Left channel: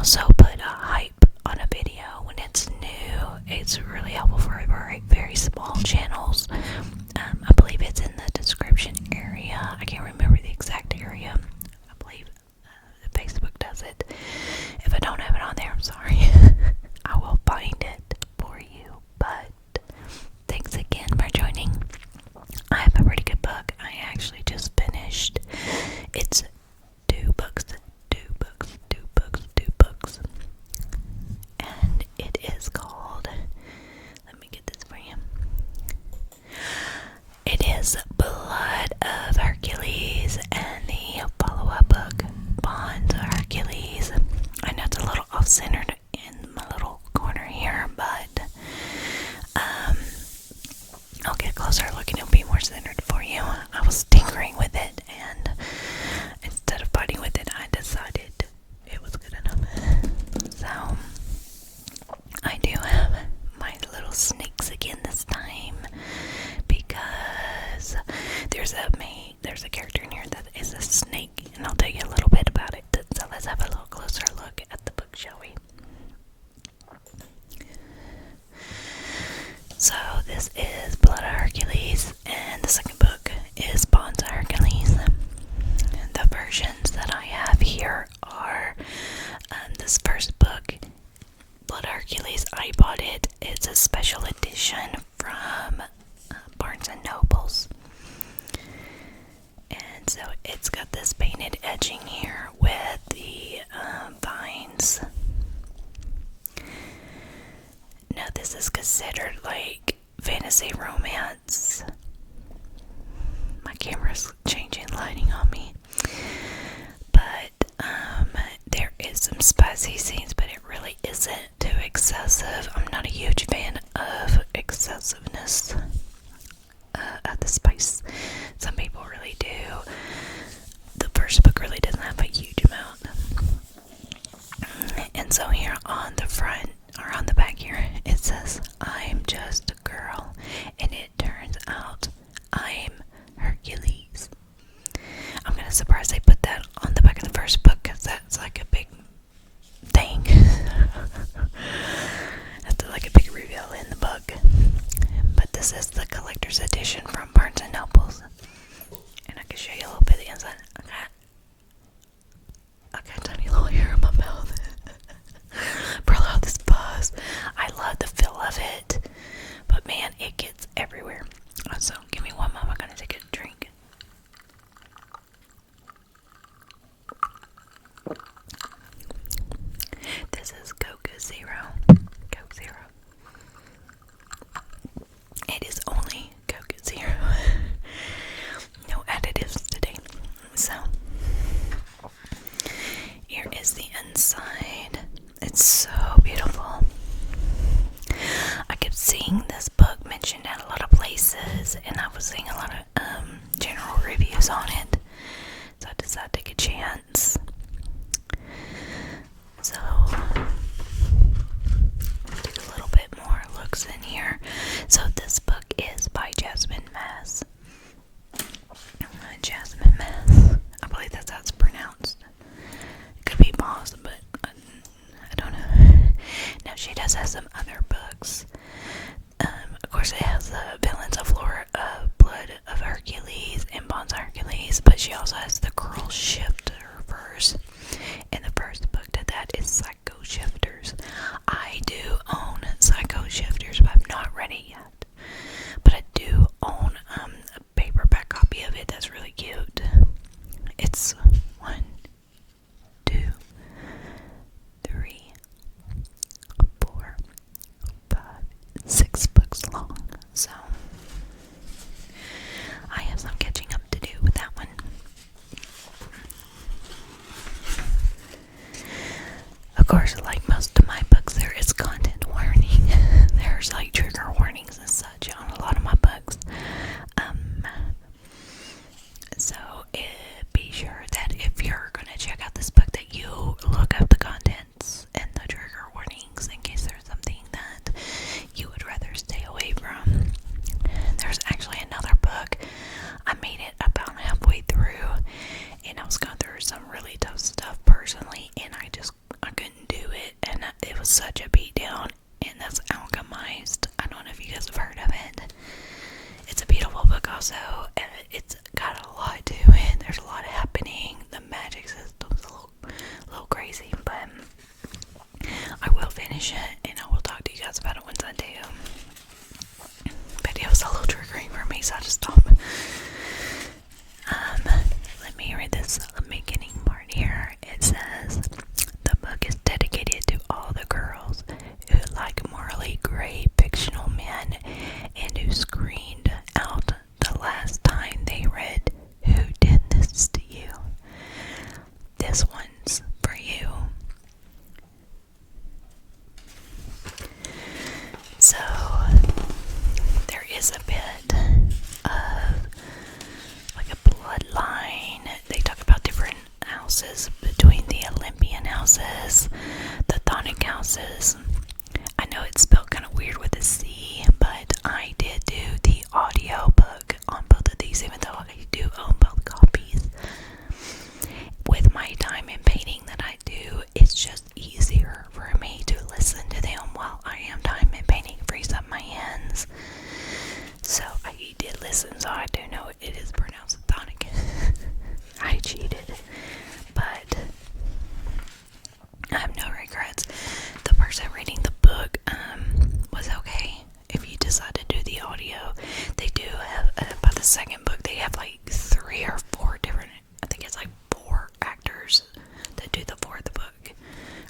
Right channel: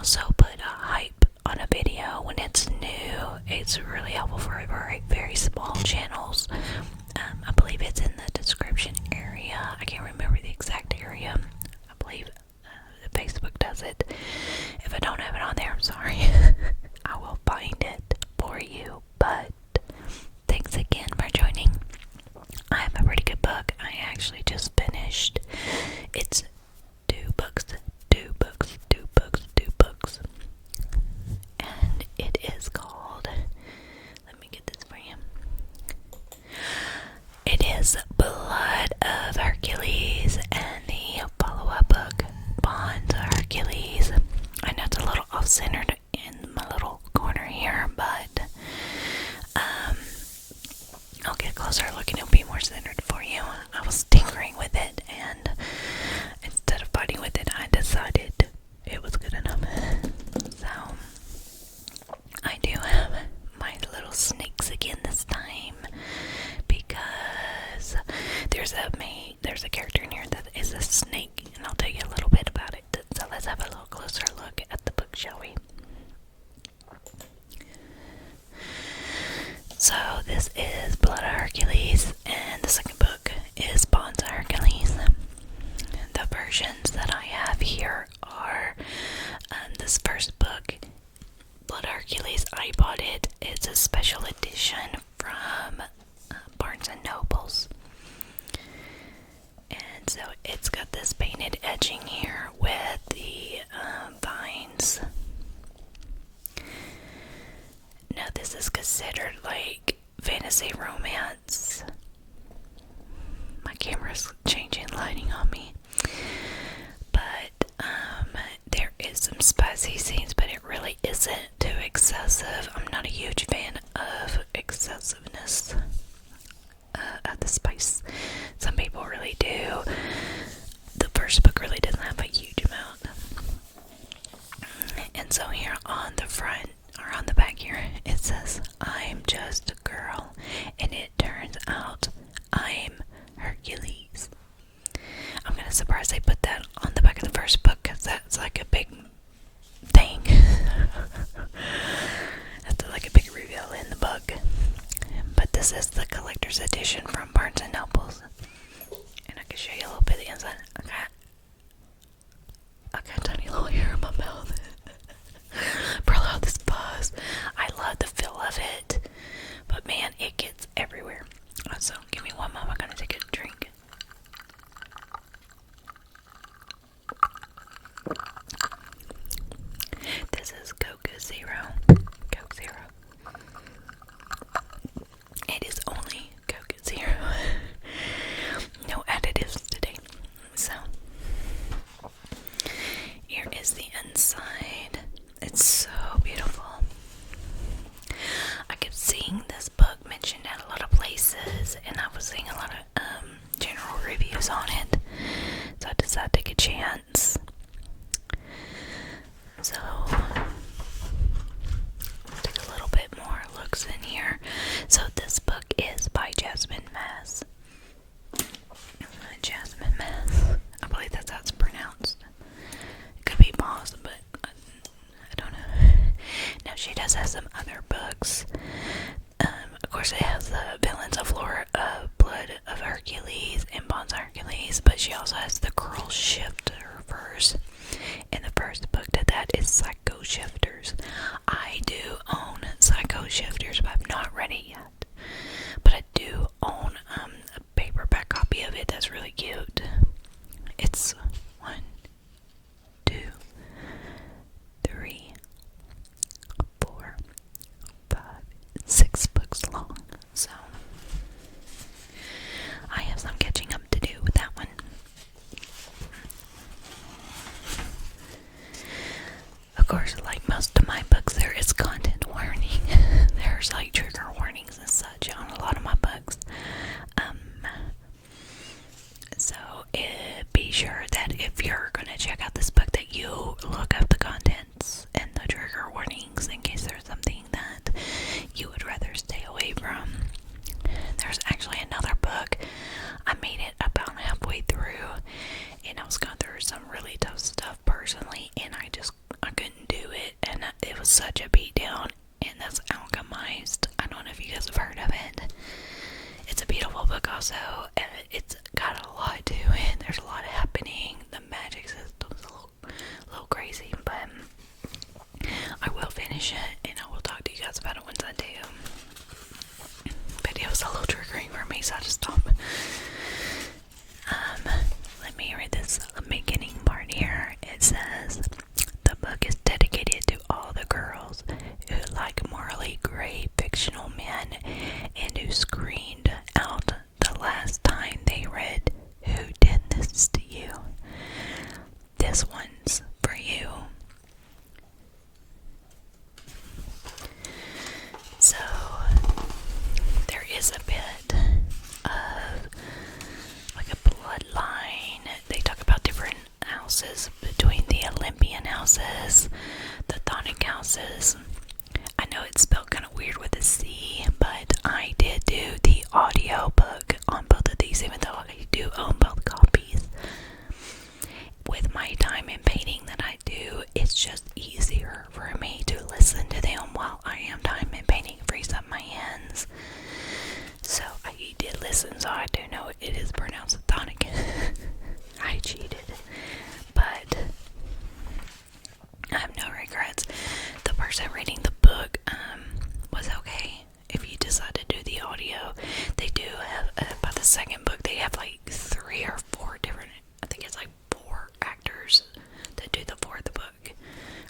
also put a hype on a video when it's new. It's really helpful for very, very small channels. I believe it's in the description area. I can't remember the exact area. I believe Facebook does it. If I don't have it on there, I'm sorry. I will find it for you. But thanks again for joining. I have a pretty good book. I actually just finished. It's two books. And it is called, let me get this for you. It is Blood of Hercules, and the follow-up book, Bonds of Hercules. I know it's a little off-centered in my little corner here, but I'll get a closer look and it'll be more centered for you. I was tinkering with it, and instead of fighting with it, I decided it was good enough. So I do have my little snakes again this time, because there's a character in here that is a snake, and I'll tell you a little bit about it. So let's have a little closer look at the book, shall we? So this is Blood of Hercules, and the second book is Bonds of Hercules. The versions that I have here are this first book, Blood of Hercules. I bought it. It's a special edition from Barnes and Nobles. And so it's got this painted edging here with the vines. Now this is considered like fantasy romance. My camera's changing lighting on me. But there is some spicy scenes, but it really isn't too excessive. I'm not a huge fan of excessiveness of the spice. Some people really do. The first book really doesn't have a huge amount. And so here on the front, or on the back here, it says, I'm just a girl, and it turns out I'm Hercules. I'm kind of surprised they put that on the back of the first book, because that's like a big thing. That's like a big reveal in the book. But this is the collector's edition from Barnes and Nobles, and I can show you a little bit of the inside. I got a tiny little hair in my mouth. Probably all this buzz. I love the feel of it, but man, it gets everywhere. So give me one moment. I'm gonna take a drink. This is Coke Zero. Coke Zero. It is only Coke Zero. No additives today. So here is the inside. It's so beautiful. I kept seeing this book mentioned at a lot of places, and I was seeing a lot of general reviews on it, so I decided to take a chance. So take a little bit more looks in here. So this book is by Jasmine Mase. Jasmine Mase. I believe that's how it's pronounced. It could be Mase, but I don't know. Now she does have some other books. Of course, it has the Villains of Blood of Hercules and Bonds of Hercules, but she also has the Girl Shifters. And the first book to that is Psycho Shifters. I do own Psycho Shifters, but I've not read it yet. But I do own a paperback copy of it that's really cute. It's 1, 2, 3, 4, 5, 6 books long. So I have some catching up to do with that one. Of course, like most of my books, there is content warning. There's like trigger warnings and such on a lot of my books. So be sure that if you're gonna check out this book, that you look up the contents and the trigger warnings in case there's something that you would rather stay away from. There's actually another book. I made it about halfway through, and I was going through some really tough stuff personally, and I couldn't do such a beatdown, and that's Alchemized. I don't know if you guys have heard of it. It's a beautiful book also, and it's got a lot to it. There's a lot happening. The magic system's a little crazy, but I will finish it, and I will talk to you guys about it once I do. But it was a little triggering for me, so I just stopped. Let me read this beginning part here. It says, the book is dedicated to all the girls who like morally gray fictional men and who screamed out the last time they read Who Did This to You? This one's for you. So, there is a bit of like a bloodline. They talk about different houses between the Olympian houses, the Thonic houses. I know it's spelled kind of weird with a C, but I did do the audio book on both of these, even though I do own both copies. With my time in painting that I do, it's just easier for me to listen to them while I am time in painting. It frees up my hands. So I did listen, so I do know it is pronounced Thonic. I cheated, but I have no regrets. The person reading the book was okay. If you decide to do the audio, they do have, by the second book, they have like 3 or 4 different, I think it's like 4 actors that do the fourth book,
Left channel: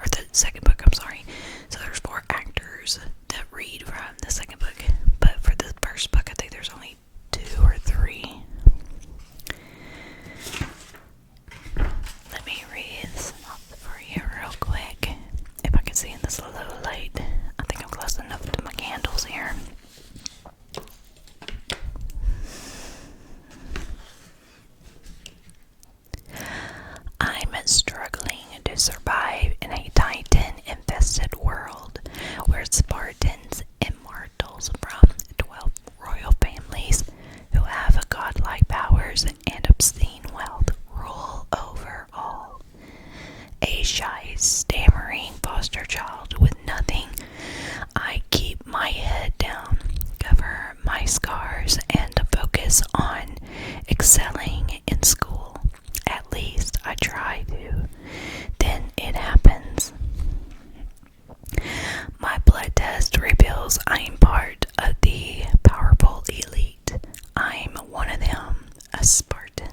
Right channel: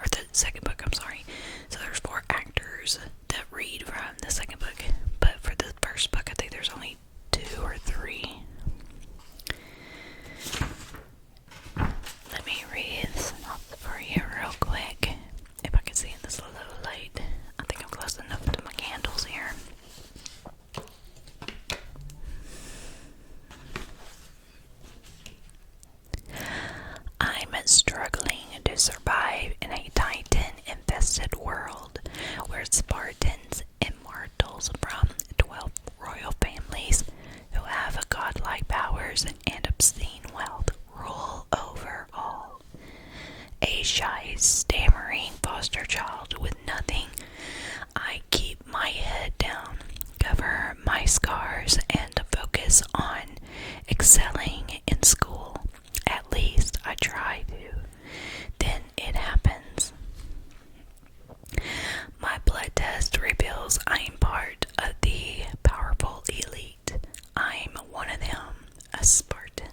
or the second book, I'm sorry. So there's 4 actors that read from the second book, but for the first book, I think there's only 2 or 3. Let me read for you real quick. If I can see in this low light. I think I'm close enough to my candles here. I'm struggling to survive in a Titan-infested world where Spartans, immortals from 12 royal families who have godlike powers and obscene wealth, rule over all. A shy, stammering foster child with nothing. I keep my head down, cover my scars, and focus on excelling in school. At least I try to. Then it happens. My blood test reveals I'm part of the powerful elite. I'm one of them, a Spartan.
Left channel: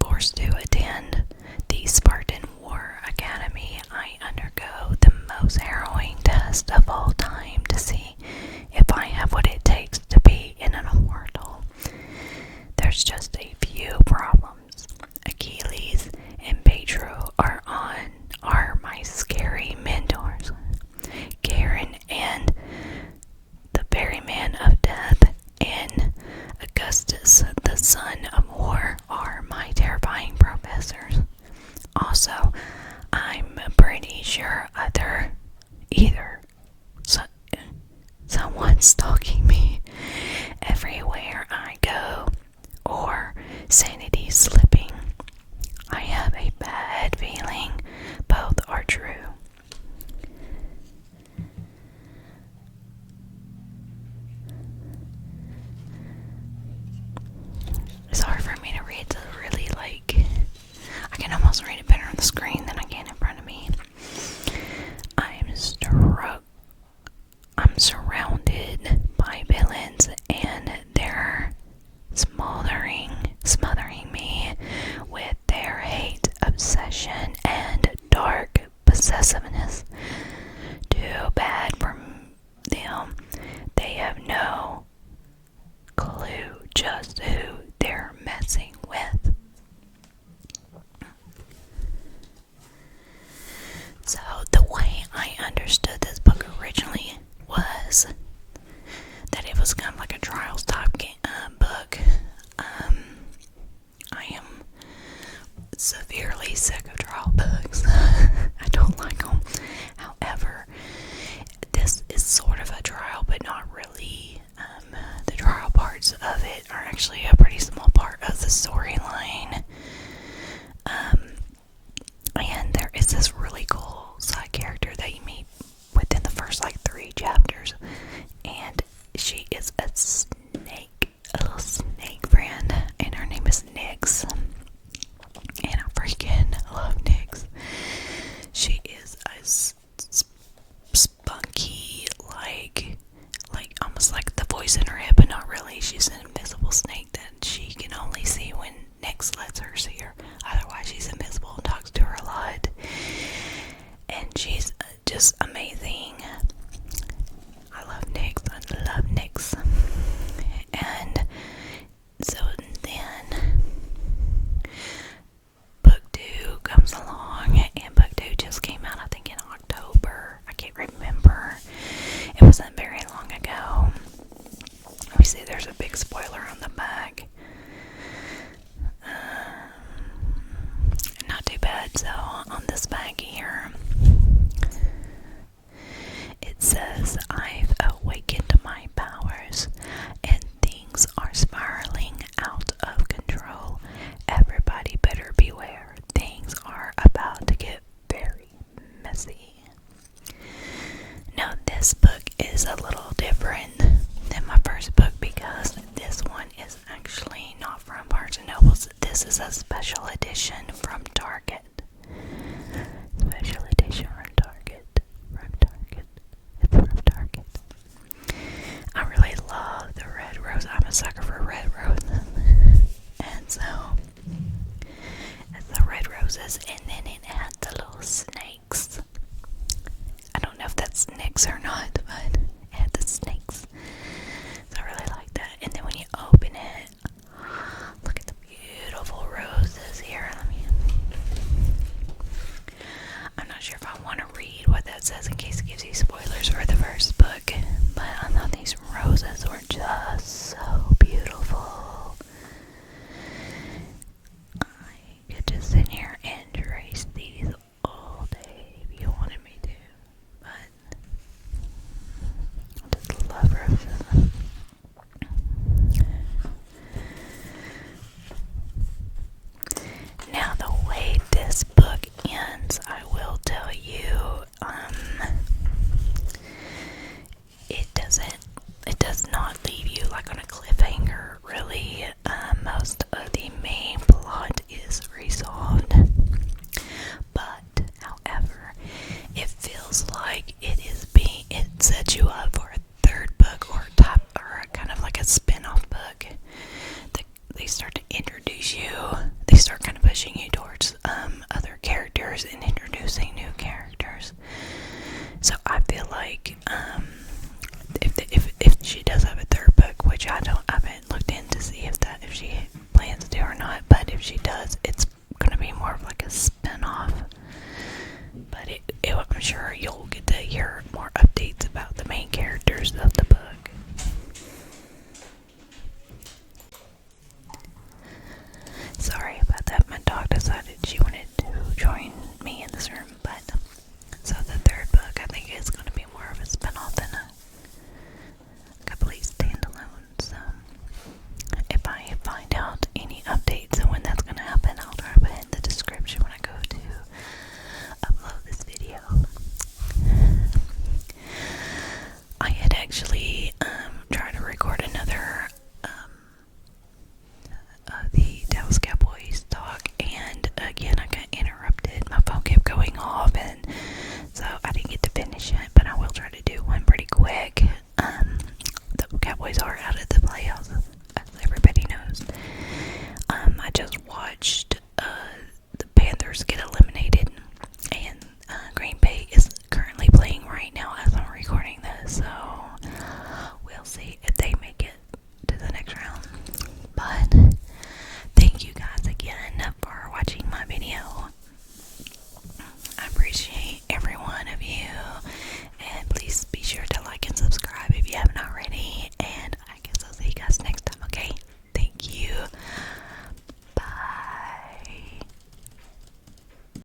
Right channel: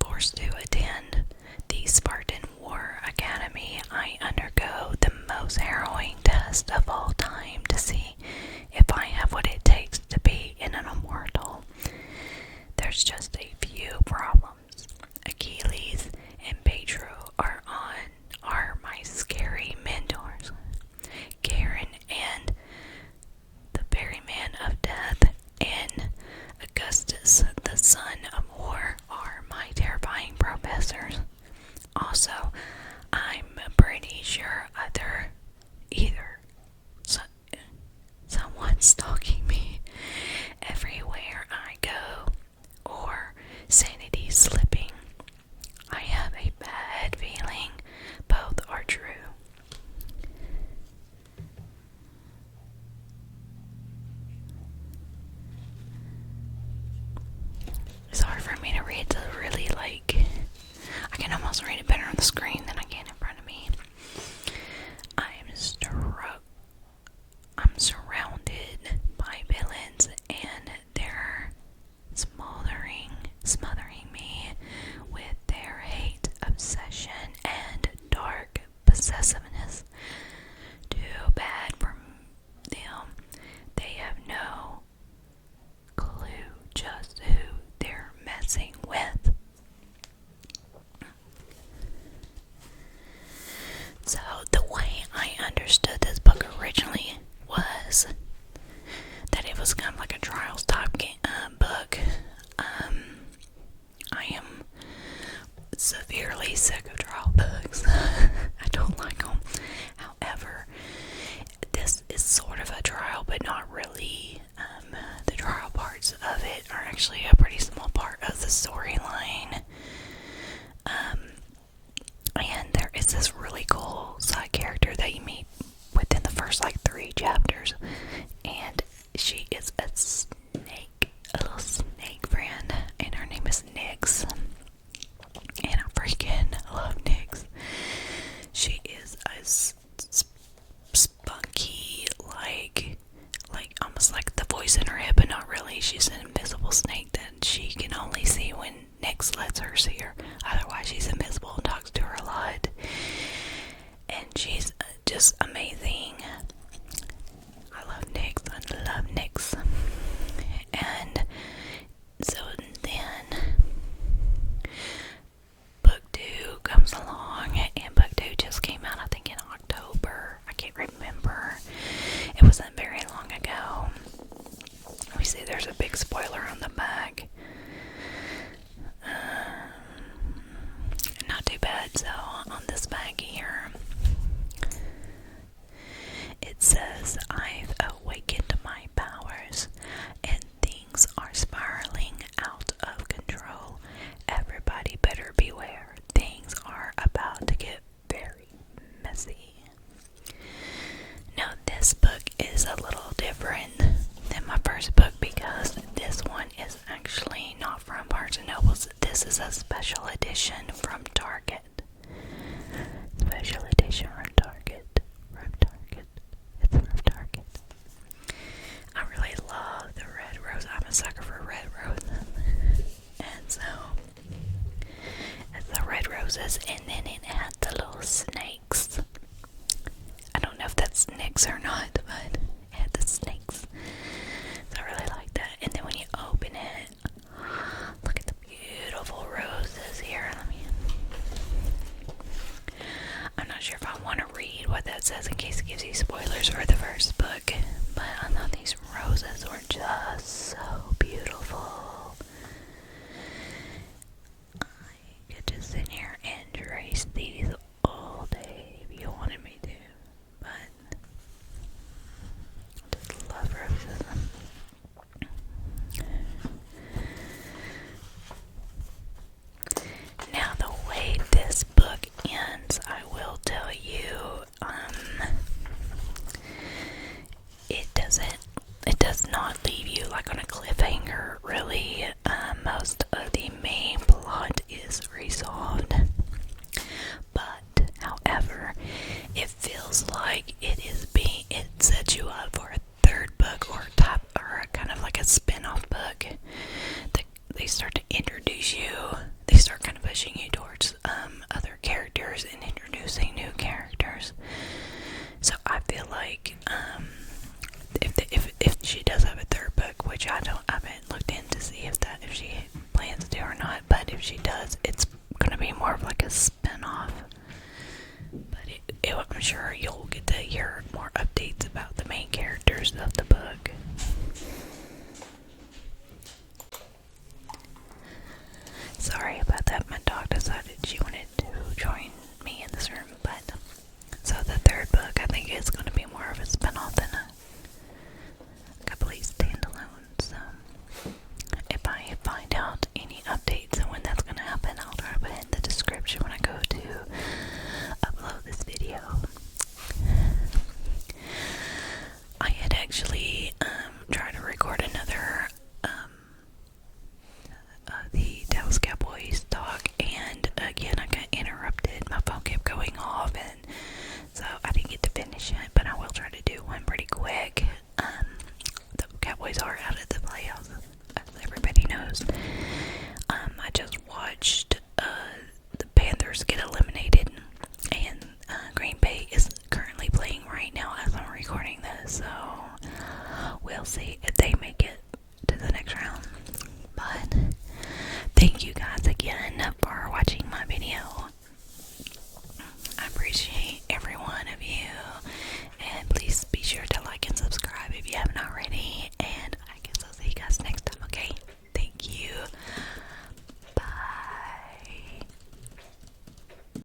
Forced to attend the Spartan War Academy, I undergo the most harrowing test of all time to see if I have what it takes to be an immortal. There's just a few problems. Achilles and Pedro are my scary mentors. Garen and the ferryman of death and Augustus, the son of war, are my terrifying professors. Also, I'm pretty sure either someone's stalking me everywhere I go, or sanity slipping. I have a bad feeling both are true. It's hard for me to read, so really, I can almost read it better on the screen than I can in front of me. I'm surrounded by villains, and they're smothering me with their hate, obsession, and dark possessiveness. Too bad for them. They have no clue just who they're messing with. So the way I understood this book originally was that it was kind of like a trials type book. I am severely sick of trial books. I don't like them. However, this is sort of a trial, but not really. The trial parts of it are actually a pretty small part of the storyline. lets her see her. Otherwise, she's invisible and talks to her a lot. And she's just amazing. I love Nyx. I love Nyx. And so then book 2 comes along, and book 2 just came out, I think, in October. I can't remember. It wasn't very long ago. Let me see, there's a big spoiler on the back. Not too bad. So on this bag here, it says, I've awakened my powers and things are spiraling out of control. Everybody better beware. Things are about to get very messy. Now this book is a little different than my first book because this one is actually not from Barnes & Nobles. This is a special edition from Target. Special edition from Target. From Target. It's from Target. I really love the red rose. I'm a sucker for red roses. And so, it's the red roses, and then it had the little snakes. I don't know if that's snakes or not, but it had the snakes. So I really like that. And then when you open it, look at the beautiful roses here. I'm not sure if I want to read what that says in case it gives you spoilers for the first book, but I thought these roses were just so beautiful. I could just sit here and trace these all day if you wanted me to, but I just love roses. Now the way this book ends, I will tell you, it does not leave you like on a cliffhanger, really. Most of the main plot is resolved, but however, it feels like it sets you up for a third book or kind of like a spin-off book. They start to introduce you, they start kind of pushing you towards other characters and introducing new characters. So I feel like if she does have a third book, which I haven't looked in to see if she plans to or not, but if she does, it's gonna be more of like a spin-off. But I'm sure you'll